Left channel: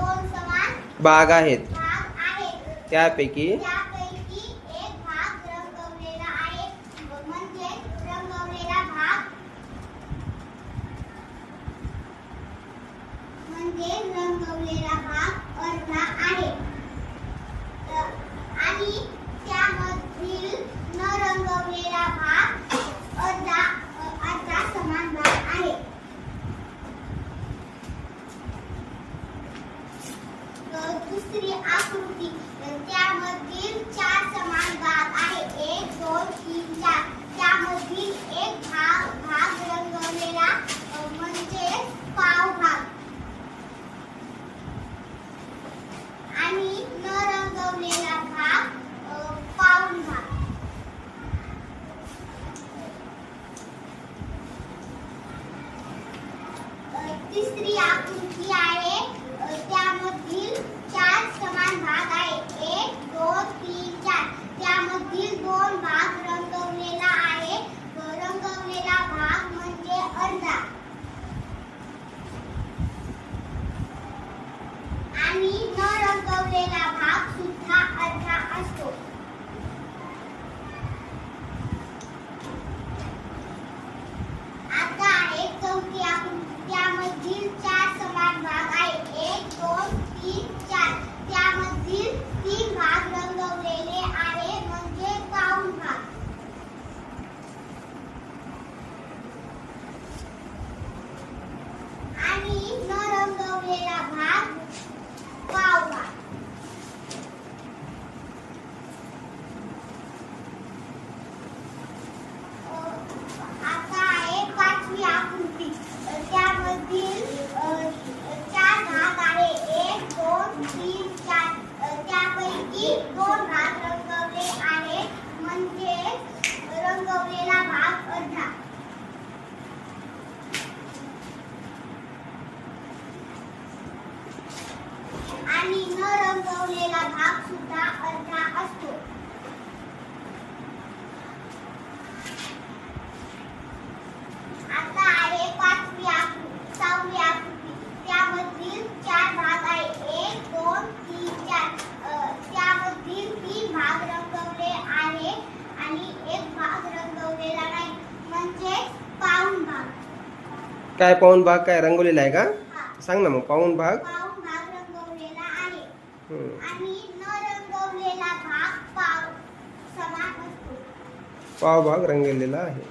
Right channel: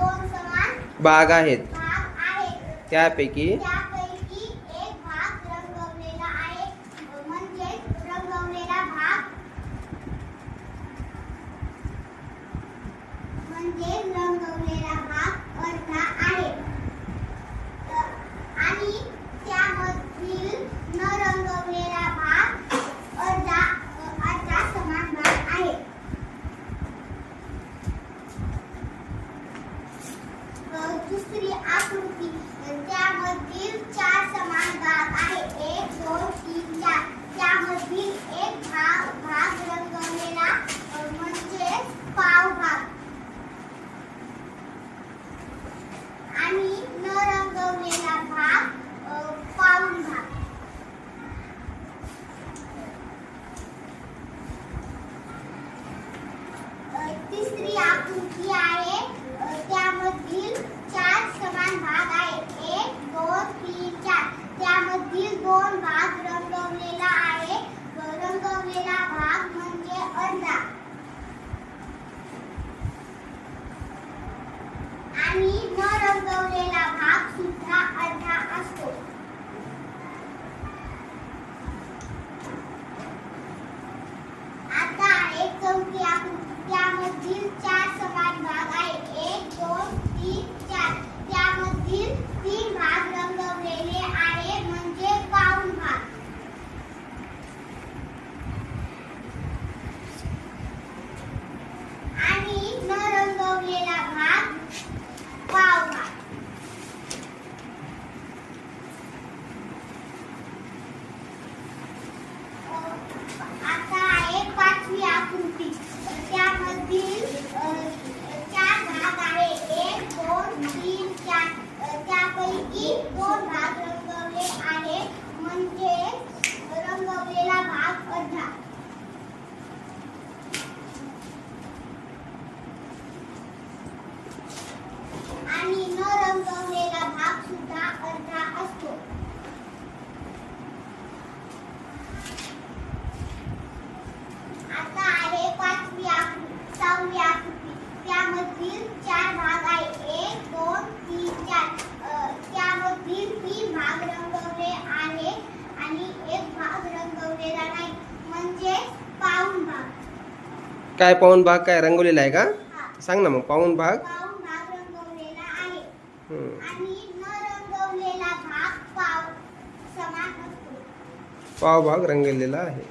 दोन समान भाग आहेत. भाग आहेत. त्यापैकी एक भाग रंगवलेला आहे, म्हणजे रंगवलेला भाग अर्धा आहे आणि त्यामधील न रंगवलेला भाग अर्धा समान भाग आहे. दुसरी आकृती, त्यामधील 4 समान भाग आहे. 1 2 3 4. त्यामधील एक भाग रंगवलेला म्हणजे पाव भाग आणि न रंगवलेला भाग पाऊण भाग. तिसरी आकृती आहे, त्यामधील 4 समान भाग आहे. 1 2 3 4. त्यामधील 2 भाग रंगवलेला आहे. रंगवलेला भाग म्हणजे अर्धा आणि न रंगवलेला भाग सुद्धा अर्धा असतो. आता आहे चौथी आकृती, त्यामधील 4 समान भाग आहे. 1 2 3 4. त्यामधील 3 भाग रंगवलेले आहे, म्हणजे पाऊण भाग आणि न रंगवलेला भाग पाव भाग. आता आहे पाचवी आकृती, त्यामधील 4 भाग आहे. 1 2 3 4. त्यापैकी 2 भाग रंगवले आहे, म्हणजे रंगवलेला भाग अर्धा आणि न रंगवलेला भाग सुद्धा अर्धा असतो. आता आहे सहावी आकृती, त्यामधील 4 भाग आहे. 1 2 3 4. त्यामधील 3 भाग रंगवले आहे आणि एक भाग रंगवलेला नाही, म्हणजे पाऊण भाग. काय पाऊण भाग काय रंगवलेला आहे का? हा. सांग ना मग. पाऊण भाग रंगवलेला आहे आणि न रंगवलेला भाग पाव समान असतो. पाव भाग रंगवलेला आहे.